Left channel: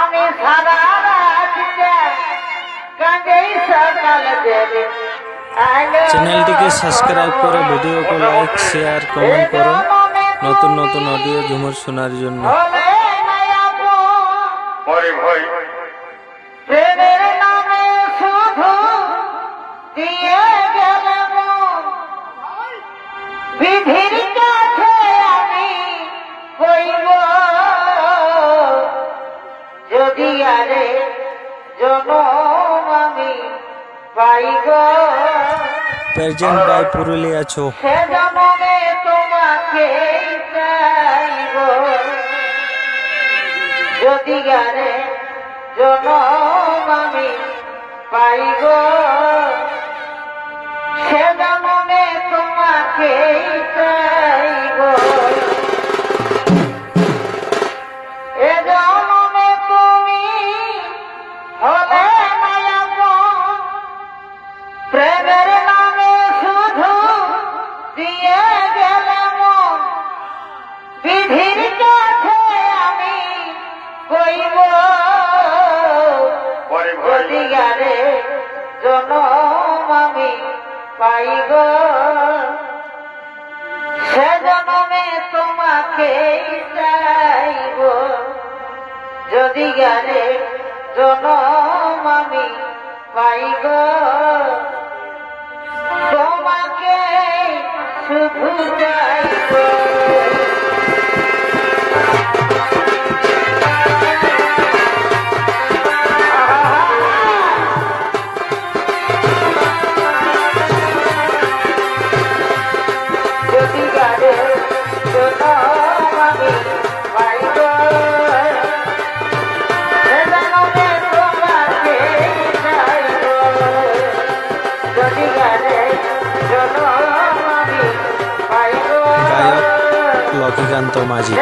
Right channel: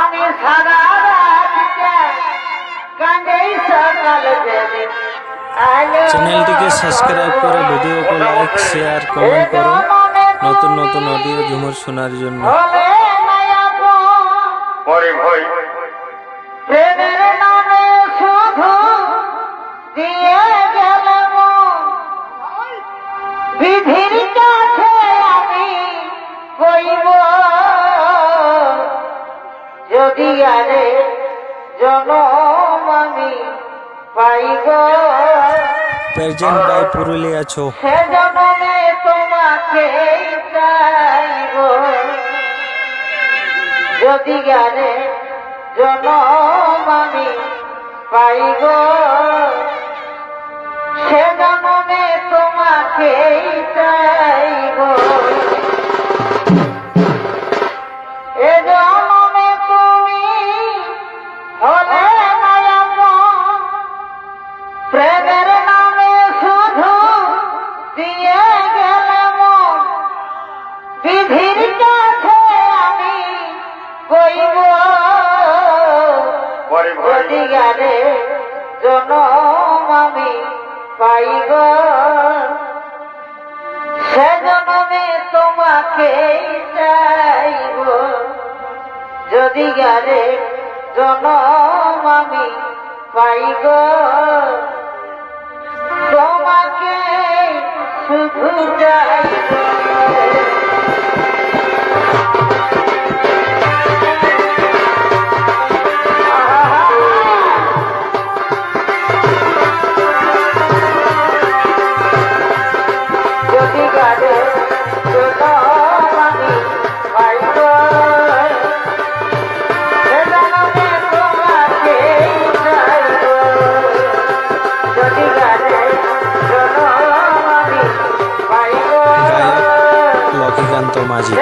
আমি সারা রাত কাঁদে সকাল দেবে। চ্যানেলটিকে সাবস্ক্রাইব করে ভিডিওকে লাইক শেয়ার কমেন্ট করুন নতুন নতুন অডিও ঝুমুর শোনার জন্য। প্রেমের নামে শুধু দিয়ে গেল বিধির কাছে আমি কইব যদি আরে জনম আমি পাইব প্রেজেন্ট বাই পুরুলিয়া ছো। সে জনমে তোমাকে চাইব যদি আরে জনম আমি পাইব সে জনমে তোমাকে চাইব। এ জনমে তুমি হলে মায়াপন প্রেমের নামে শুধু দিয়ে গেলে মন বিধির কাছে আমি কইব যদি গেলে জনম আমি পাইব সে জনমে তোমাকে চাইব যদি গেলে জনম আমি পাইব তোমাকে শুধু চাইব। গায়ক লক্ষ্মীকান্ত মাঝি।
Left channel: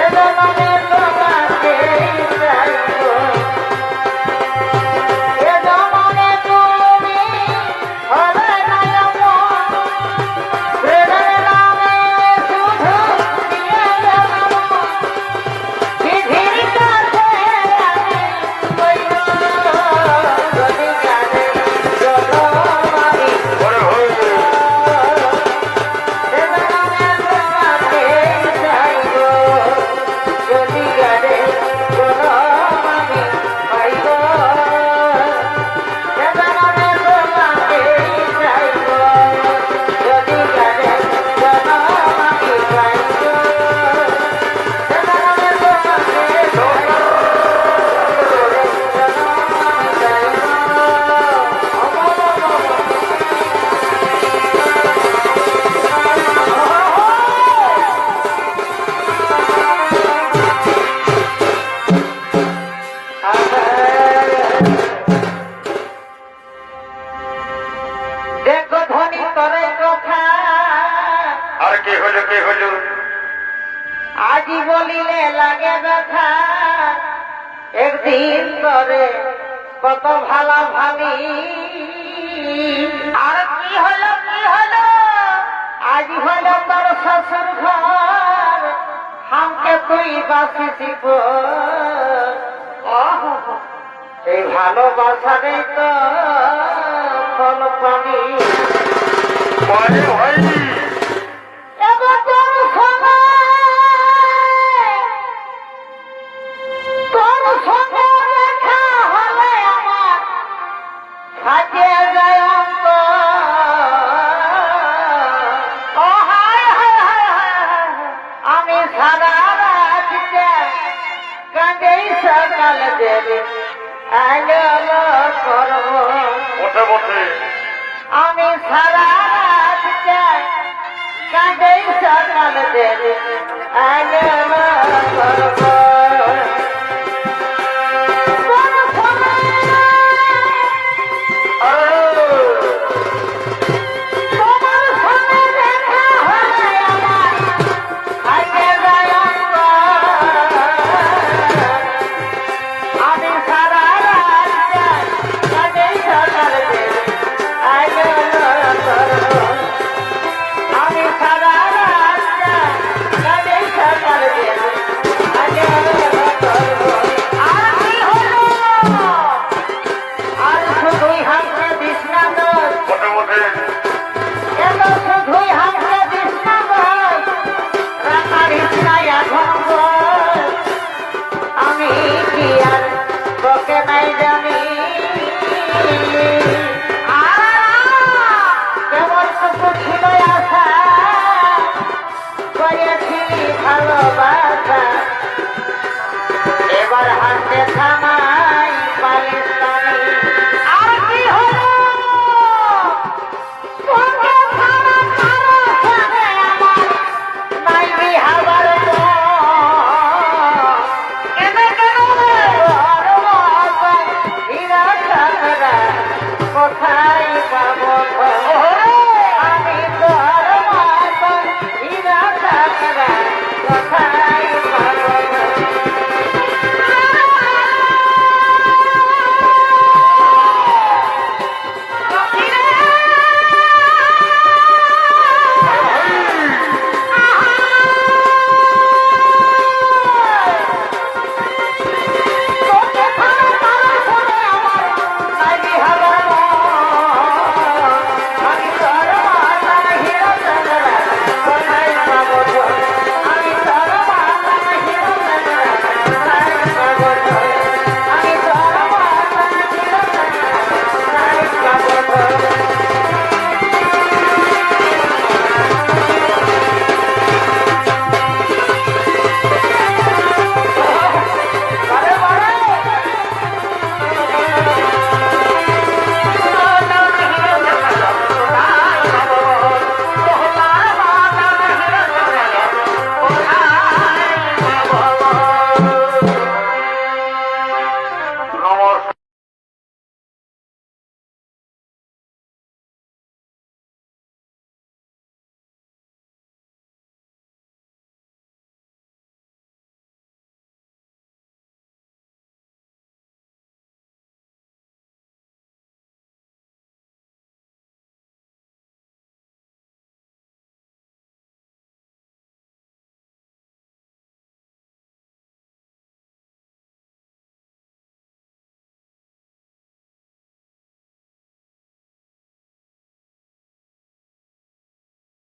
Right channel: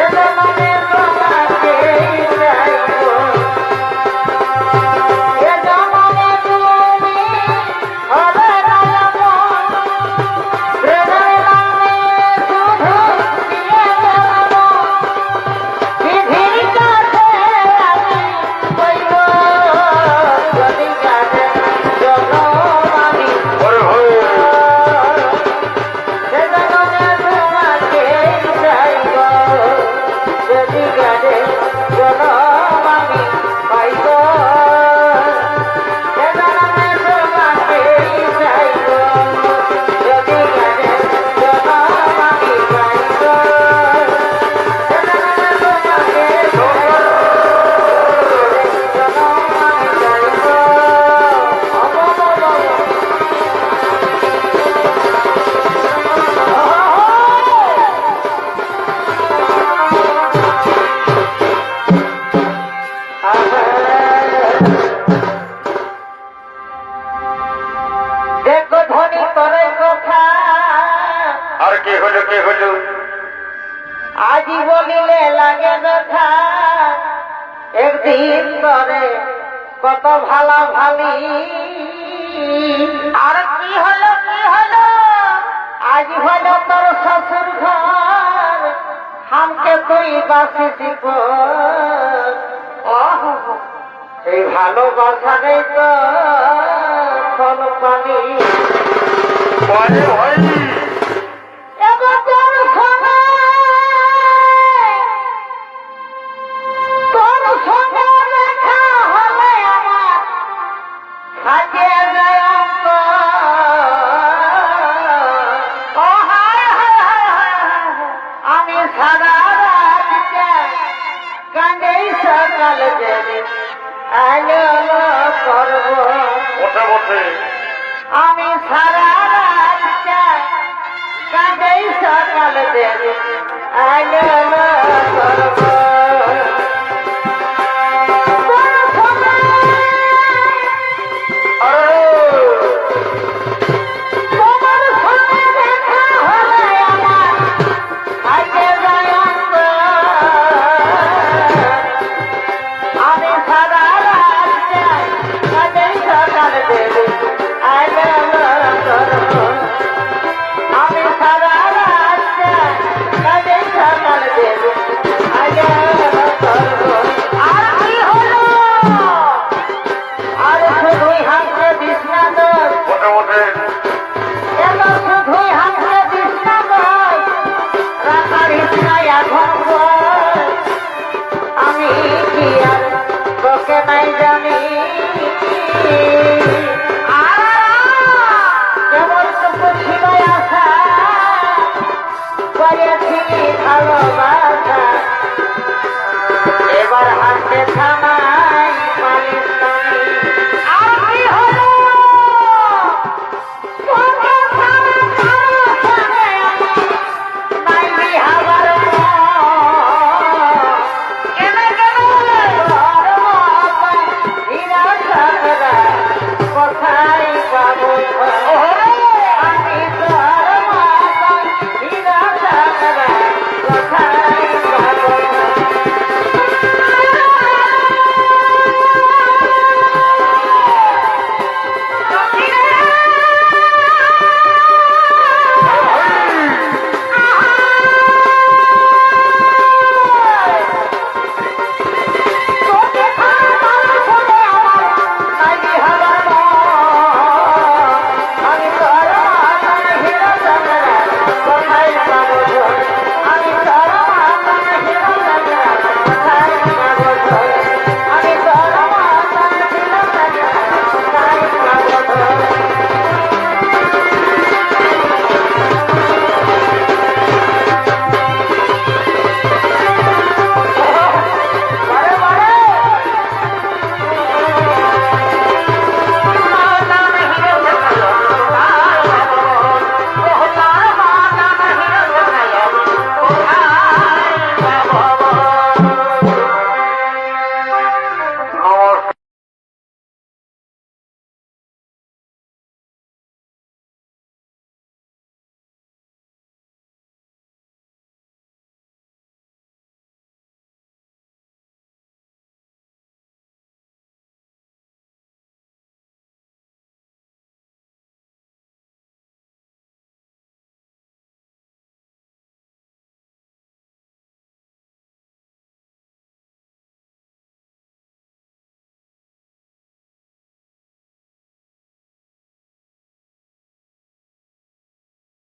দেখো ধনী করে কথা আর কি হলো কি হলো আজি বলিলে লাগে ব্যথা একদিন করে কত ভালা ভালি আর কি হলো আজ হলো তোর শ্বশুর ঘর হামকে তুই বাসিস এই ভালোবাসা নেই তো ফল পানি ভয় ভয় তোর সঙ্গে দেখা হলে আমার খাটে যায় আমি সারা রাত কাঁদে সকাল দেবে করব ওঠে ওঠে আমি সারা রাত কাঁদে সকাল দেবে করব I নাই জানি আর কেমন টুকু ছিল আশা করেছি ভালোবাসা এবার হাসতে